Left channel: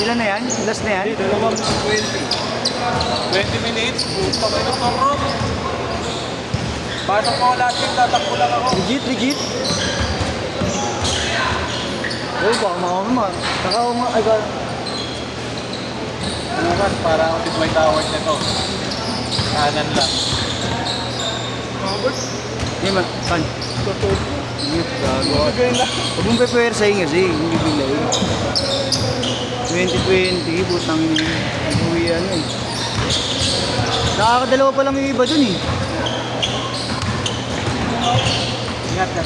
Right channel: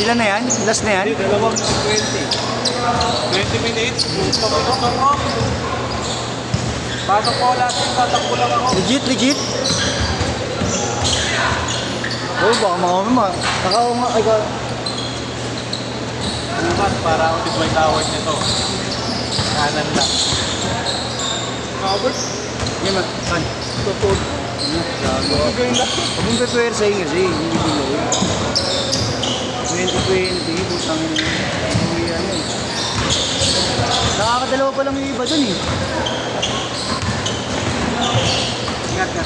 Sila na yan? Last na yan? Hindi, dalawang 20 minutes, pabulot ng road. Pasok ko lahat yung tatakbo lang ako. Legit, legit. Oh, baka mga Nakao nga, ay ka. Bukas, para ako si Dwight Howard na to. Kanan lang. Robert? Hindi man, saan? Totoo. Bigay na. Huwag mong pepwersahin kasi, hindi bilay. 2020, busang uwi ano eh. Nakakadalawa pa lang yung iba dun eh. Ingat ka.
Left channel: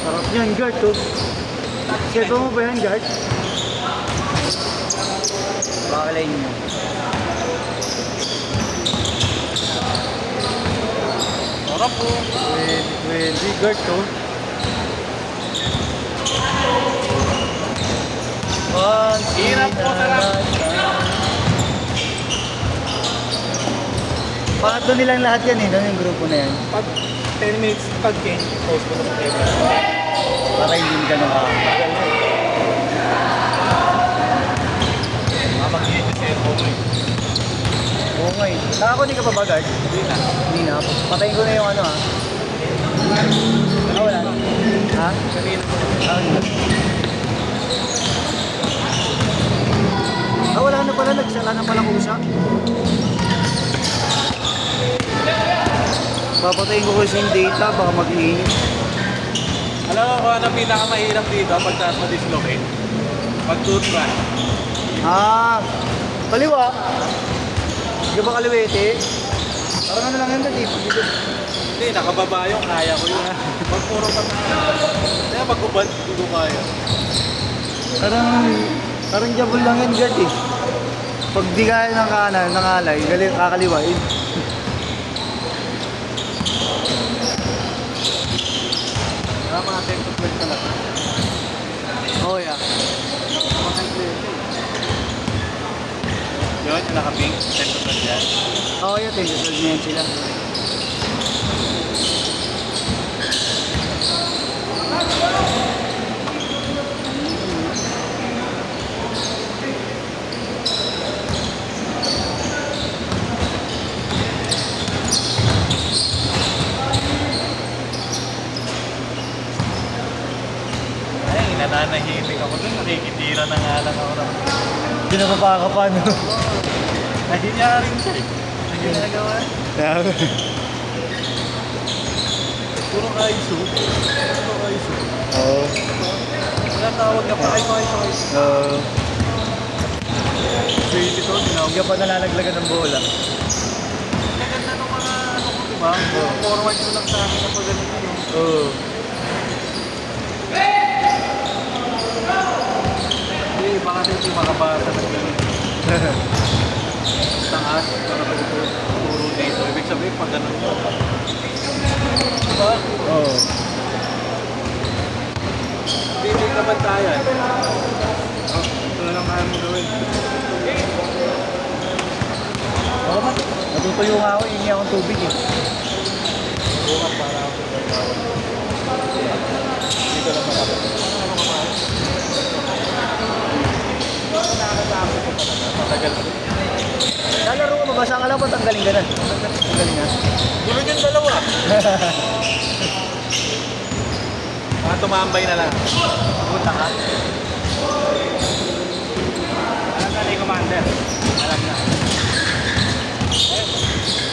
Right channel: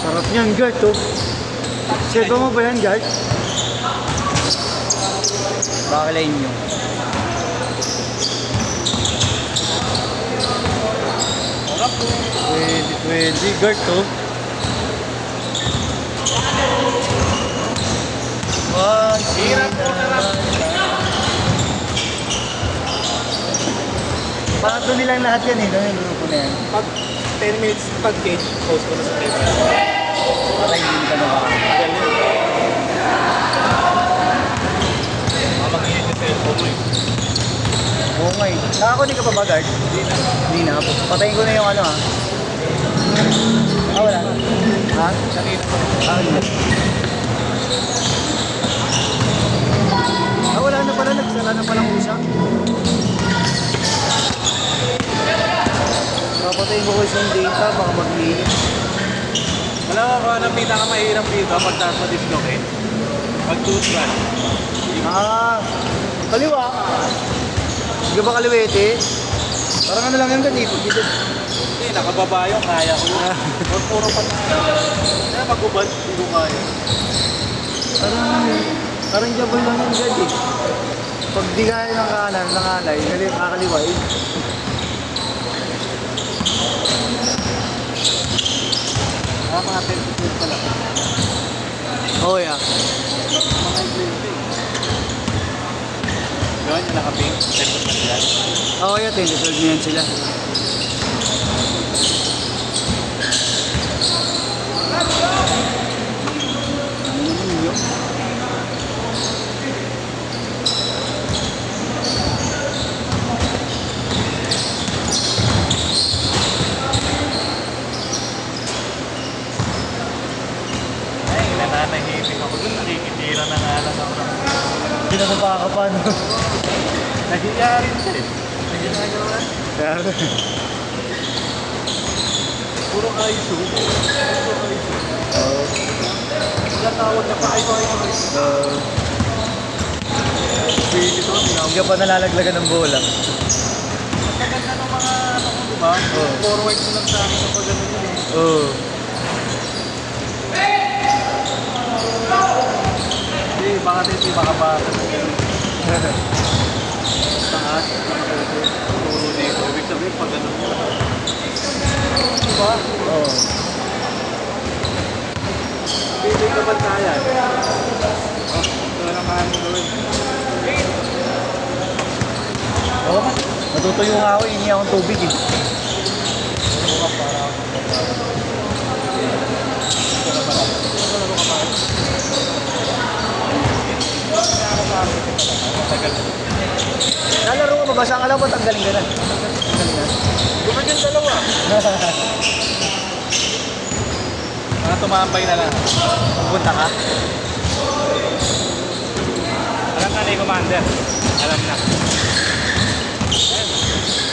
Sarap niyan, guard to. Sirba mo ba yan, guard? Bakalain nyo. Sarap po. Pwede, guard to. Hirap po, sarap. Bakit doon nilang lahat yan eh, doon yung grupo na yan. Pag 10 minutes pag-pin, post ko na sa paper. Para hindi ka naman. Mamag-init yung cellphone mo eh. Oo nga eh. Nakakuni ka pa ba, guard? Hindi na. Patayin ko na yung ano ha. Ah, wala. Ha? Ah, wala na pala. Nagsala na palang usa. Papatayin ko kasi yung data. Baka mag-iinit. Alam mo kung anong pinakamahirap dito pagka sa dislocate? Pag-toothbrush. Ah, kaliwa. Hindi ba kaliwete? Parang ano lang yan dito. Hindi, nakababa yung kaya ko yun. Pag puro pa na. Kaya pag-ubad, hindi ko kaya. Parang jabol lang yan guard eh. Pag di kaya ng kanan, ng alay, kakaliwa eh. Kaya mga 10-12 pa lang. Okay ah. Mga duty. Yun, nakaping. Oo, yun. Tinatawag niyan sila. Ay, nananahimik ako dun. Nakikitira na nga lang ako. Hindi na napakapa no? Nahiya rin ko eh. Hindi ginagawa. Puro kaiso. Puro kaiso. Oo. Kaya tawag na pa. Ay, Pwede to. Hindi ka pa nalalaglagan ng bola. Ang ganda ng mga ano ko, di ba? Forward ko lang sa akin na pag ganun yun. Oo. Hindi, baka dito makabasa ko yun. Taas, puro dito. Ibig sabihin pag ganun mo. Diba? Oo. Hindi ka ba kaya? Oo. Natutuyo nga ako, hindi akong tubig eh. Bukas para ako sa pagkawa. Hindi ka na marami. Ano na ba kumain? Nakakasama ko pala. Matagal na. Lalaro ko, mabasa ka lang ba? Tanggalin ka na. Tanggalin na. Bumag yung dalawa. Mga tumambay na lang. Punta ka. Alam na ni Commander. Alam na.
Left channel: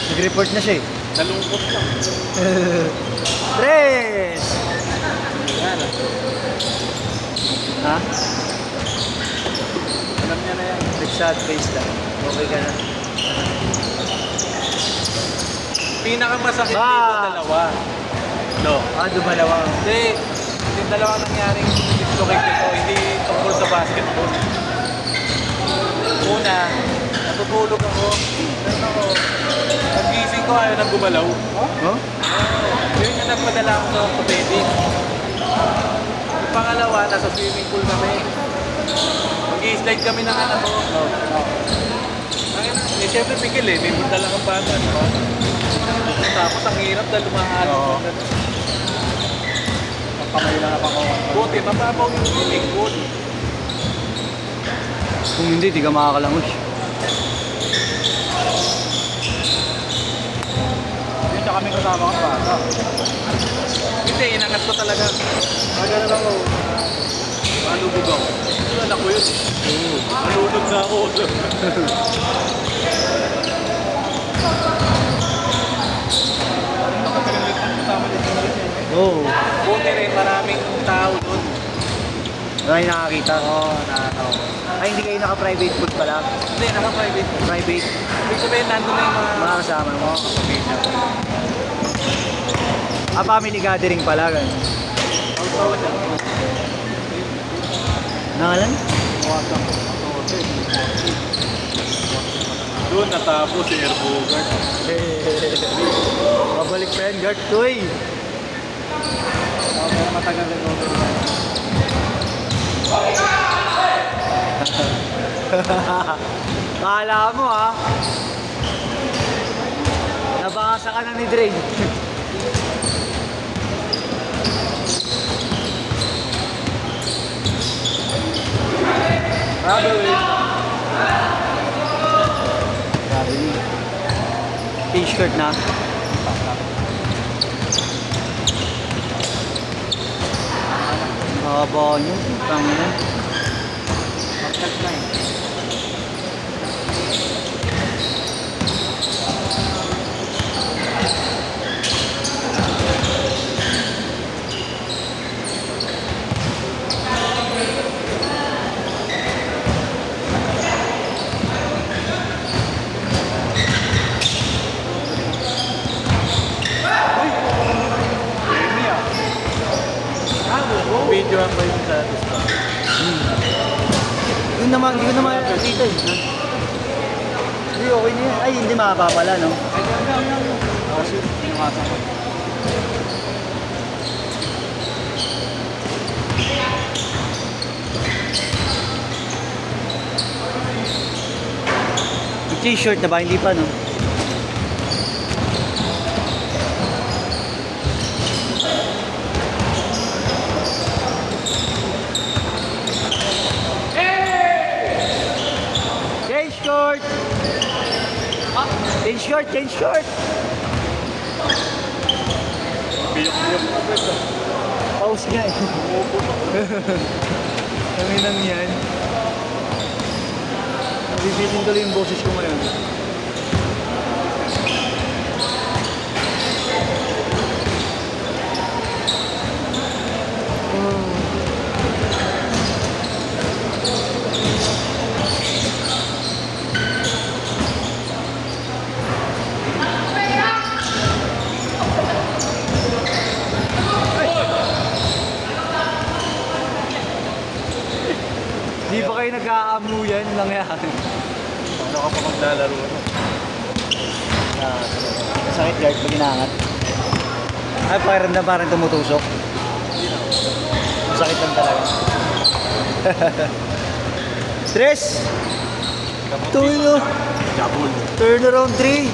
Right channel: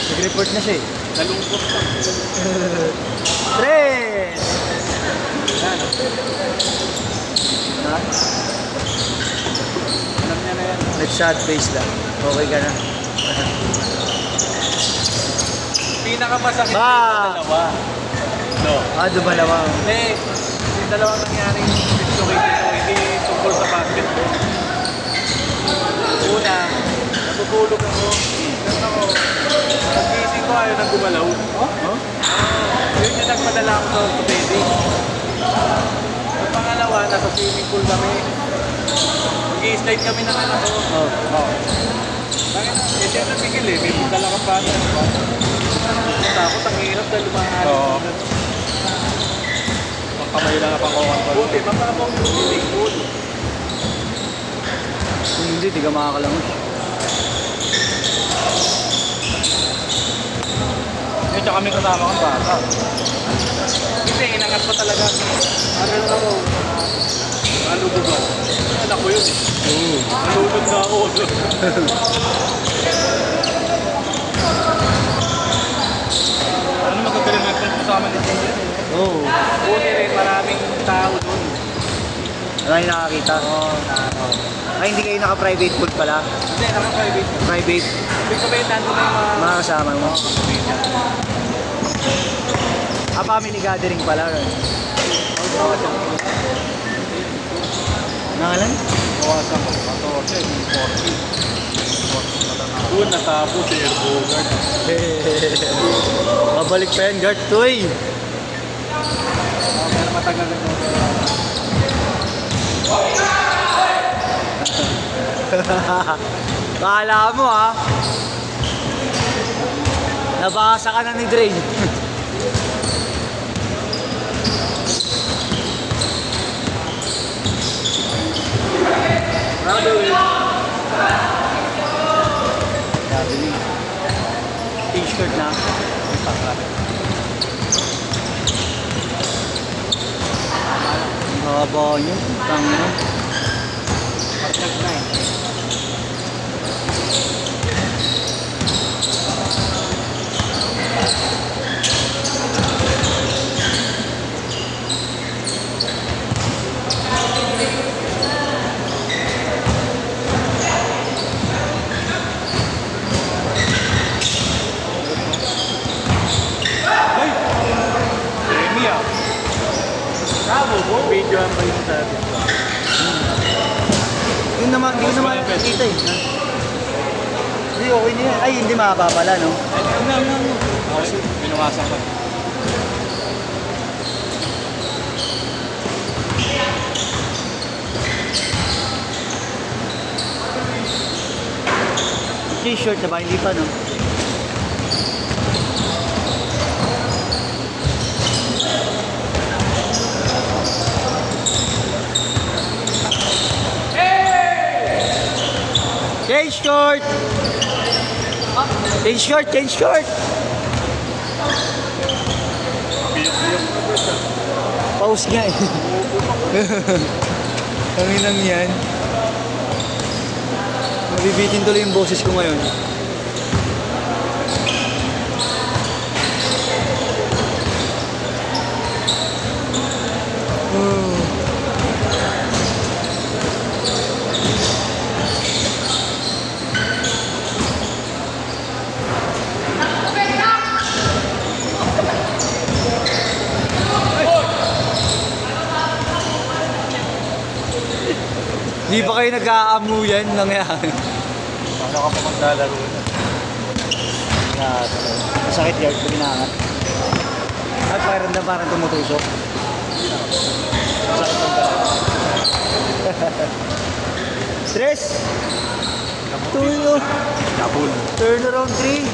Nag-report na siya eh. Nalungkot lang. Pre! Ha? Alam niya na yan. Nag-shot face lang. Okay ka na. Pinakamasakit Ah! yung dalawa. No. Ah, dumalawa. Hindi. Yung dalawang nangyaring dislocate ito, hindi tungkol sa basketball. Una, nagulog ako. Pag-gising ko, ayaw nang gumalaw. No? Yun yung nagpadala ko sa orthopedic. Yung pangalawa, nasa swimming pool kami. Mag-i-slide kami ng anak ko. Oh. Eh, syempre pigil eh. May dala kang bata. Tapos ang hirap dahil lumakas. Oo. Kamay lang na pang-control. Buti, mababaw yung swimming pool. Hindi, di ka makakalangoy. Medyo kami kasama ko bata. Hindi, inangat ko talaga. Ano na lang ako. Nalubog ako. Anak ko yun. Nalubog na ako. Ano magagaling mo kung kasama dito mo yun? Oo. Buti rin maraming tao doon. Maraming nakakita. Ay, hindi kayo naka-private pool pala. Hindi, naka-private. Private. Ibig sabihin, nandun na yung Mga kasama mo. Family gathering pala. Ganun. Nangalan? Doon natapos si Erbogan. Babalik pa yan, guard. Uy! Pero matagal na mo. Kala mo ha. Nabasa ka na ni Dre. Ano eh? T-shirt na. Haba niya. Tangina. Amy ah. Video ang kayo sa atin. Yun naman nakikita eh. Hindi, okay na yan. Ay, hindi makapapala, no? Kasi pinukasan ko. T-shirt na ba? Hindi pa, no? Change short! Change short! Change short! Piyok-piyok na doon ah. Pause nga eh. Kami nang yan. Mabibitin tuloy yung boses ko ngayon. Di ba kayo nag-aamuyan nangyari? Paano ka pa maglalaro na? Sakit guard pag inaangat. Ay, parang tumutusok. Sakit lang talaga. Stress! Tuyo! Kabul. Turn around 3.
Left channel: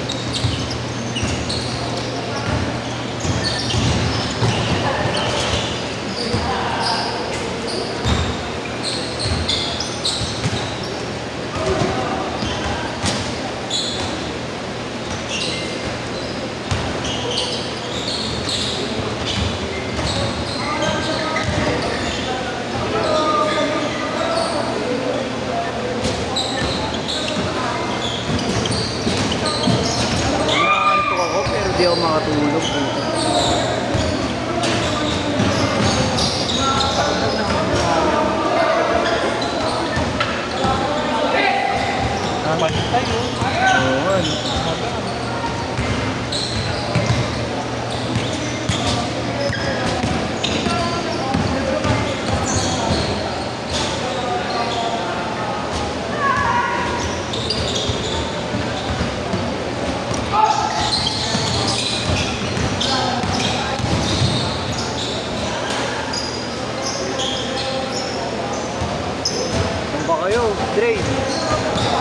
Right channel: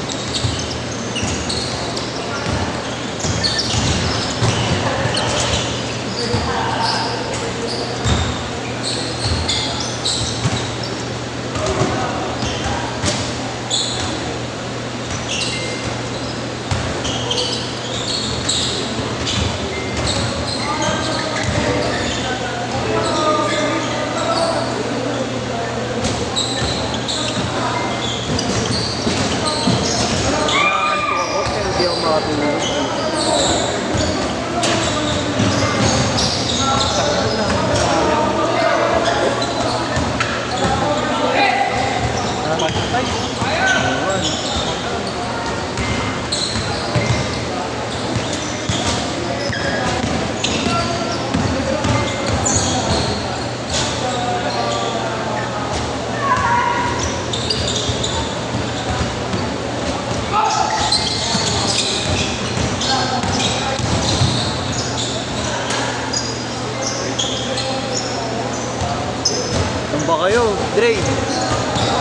Dre.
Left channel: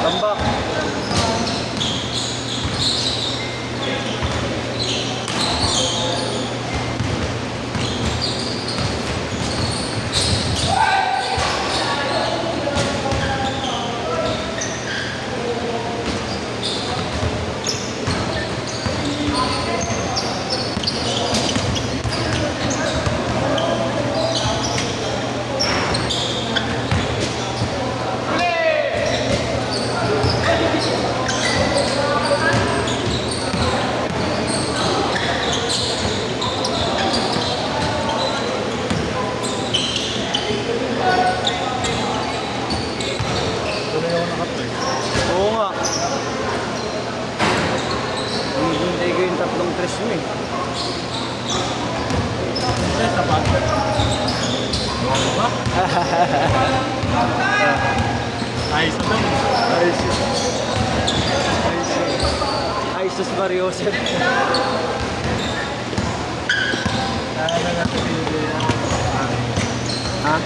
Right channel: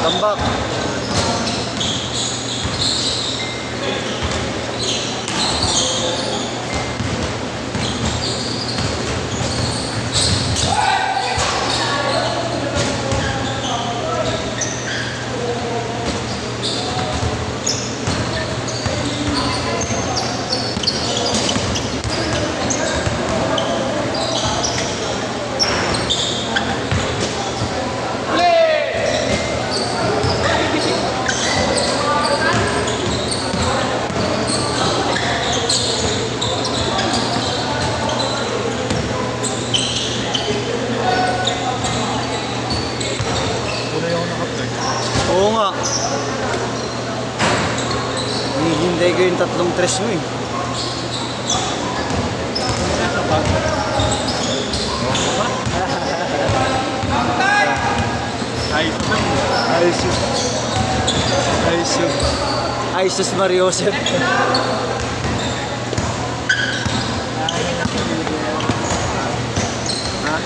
Tambak. Tuloy ako nakapre. Oo nga. Hihintay ko yung tatlong tres mo eh. Ayos mo yun. Ayos yun. Ayos yun. Ayos yun si Mario Joseph. Ha?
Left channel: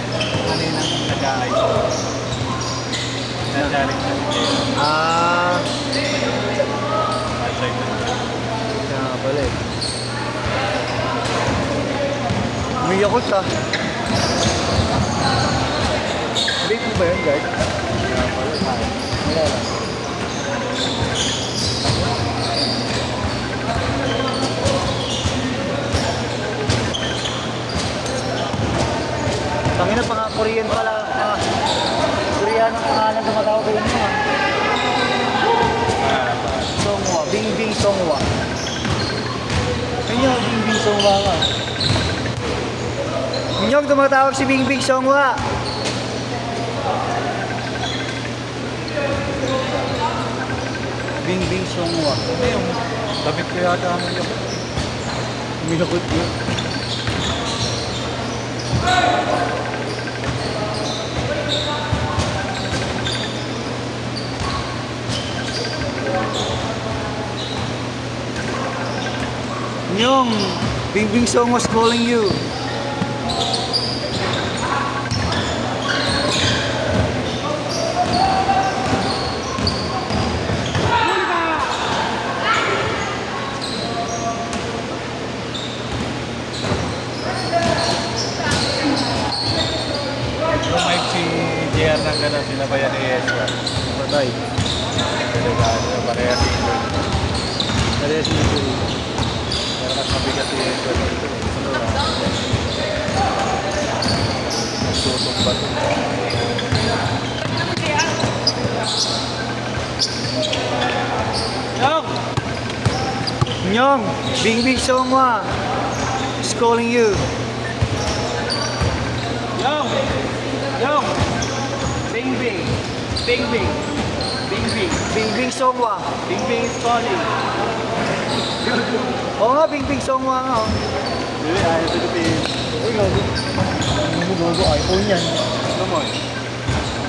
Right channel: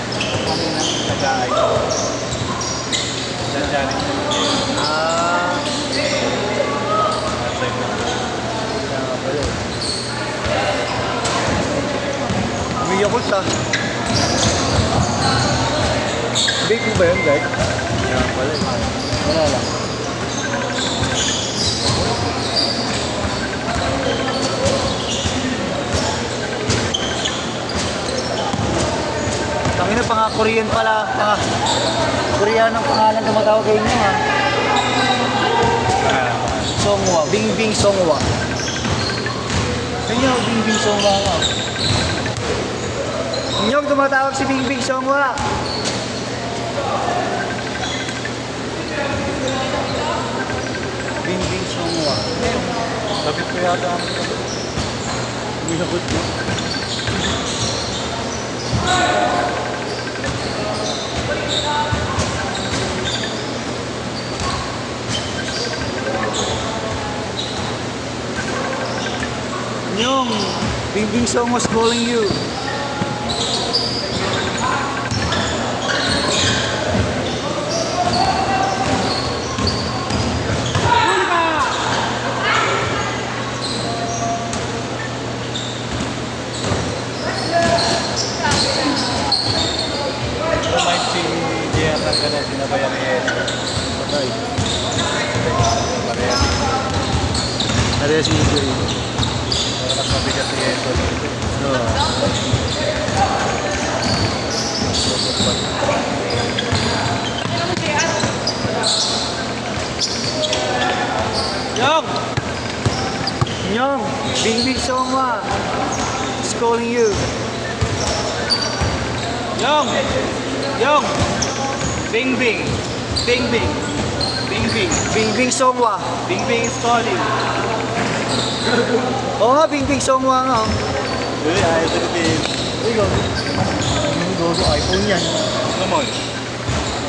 Kanina nag-aay. Nag-challenge na video. Ah. That's like, Yan na pala eh. Umiyak ko siya. Baby ba yun, guys? Wala lang. Pangina, pang-Korean pala. Korean ang pangalan tumatawag kayo niya. Songwa. Bingbing Songwa. Ano yung Bingbing Songwa ka? Inyong tumatawag si Bingbing Songwa. Bingbing Songwa. sabit ko yata ang Minakot mo. Inyong Bingbing Songwa's calling you. mic si JR na gano'n, sinabayan ni Ezra. Right. Pareha si Ares mo ito. pero mas mabigat si Ezra dito. Nyong! Nyong! Bingbing Songwa is calling you. Yong! Yong! Bing Bing! Bing Bing! Bing Bing! Bingbing Songwa. Bing Bing is calling! Oo nga, Bingbing Songwa nga. Oh. Dili, ayaw Philippines. Ay, logo. Ano logo? iPhone yan. Kumoy.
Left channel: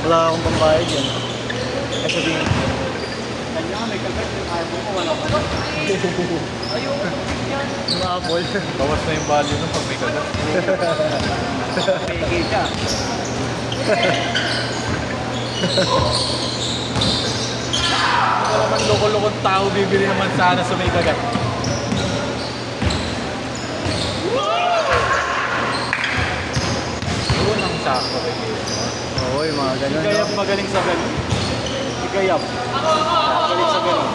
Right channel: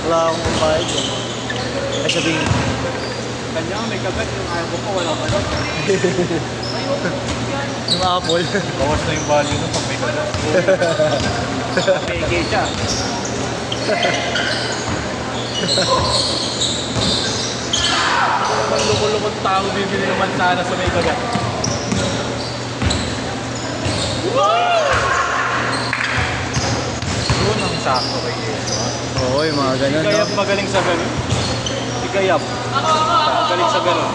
Wala akong pangkahit yan. Ay, sabihin. Kanya may kagat yung iPhone ko, wala ko. Yung Apple. Bawas na yung value nun pag may kagat. Peke siya. Parang loko-lokong tao bibili naman sana sa may kagat. Doon ang sakto kay Yeso. Oo, yung mga Si ganun. Kayap No? magaling sa ganun. Si Kayap. Magaling sa ganun.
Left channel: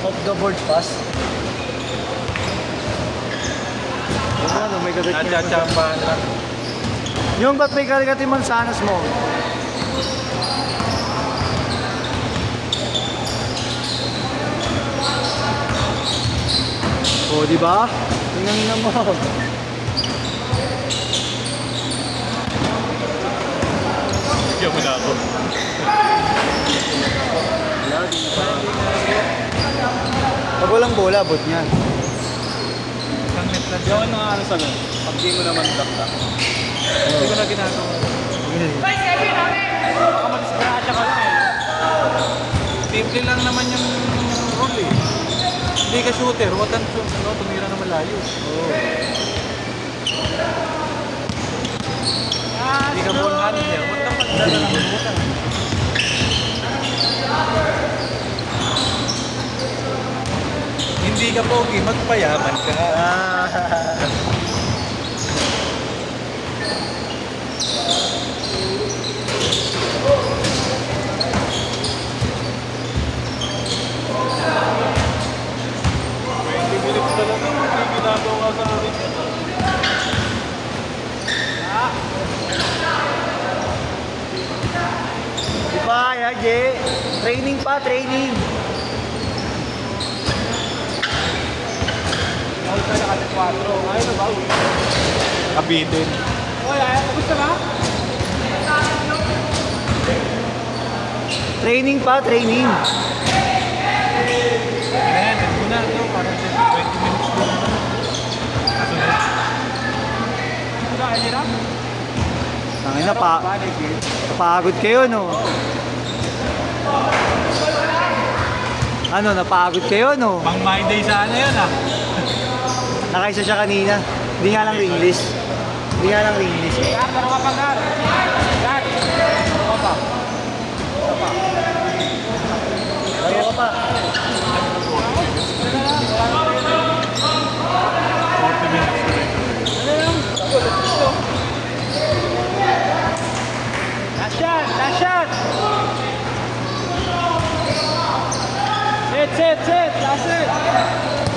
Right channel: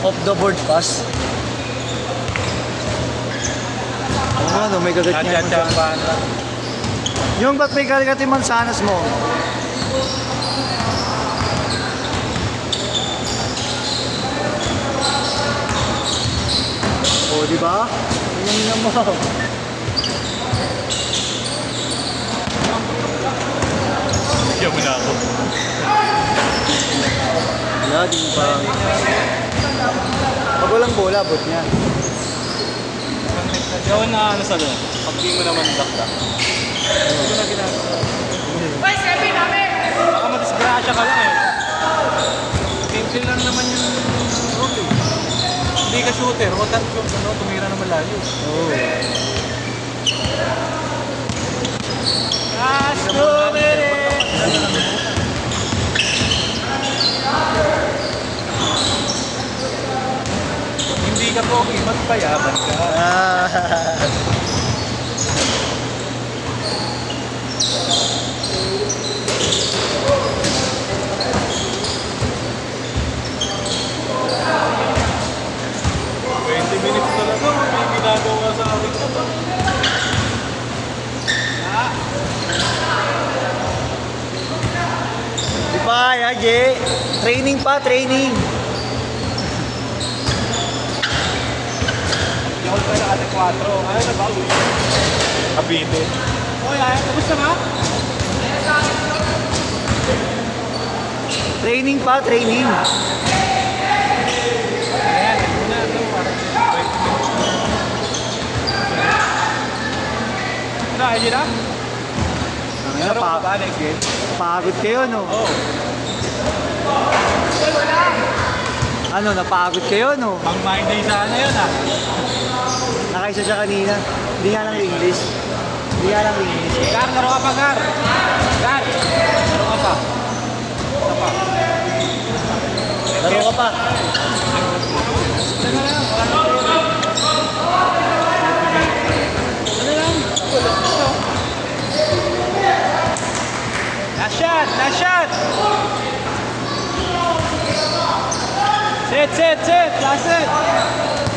Off the board pass. Ano, may kagat niya. Nachachambahan lang. Yung ba't may kagat yung mansanas mo? O, di ba? Tingnan mo. Bigyan mo na ako. Wala, di na. Pag walang bola, bot niya. Yun na ano sa ganun. Pag di mo naman bakta. Hindi ko na ginagawa. Baka mag-disgrasya ka lang eh. Simple lang naman yung rule eh. Hindi ka shooter, huwag kang tumira na malayo. Oo. Hindi ka pogi, magpayaman ka. Minutes na lang, hindi ginagawa sa akin. Di pa kaya, Jay. Training pa, training. All tayo at 4. Ayaw na ba? Kabitin. Wala, gusto na? Training pa, training. Ayan, ito na ito. Parang 20 minutes na. Wala, ayun na? Ngayon, napagod kayo, no? Ano, napagod kayo, no? Ang mind day sana yun ah. Nakaisa siya kanina. Hindi nga lang English. Hindi nga lang English. Gar, laro ka pa, Gar. Gar, laro ka pa. Laro ka pa. Last shot, last shot. Set, last set.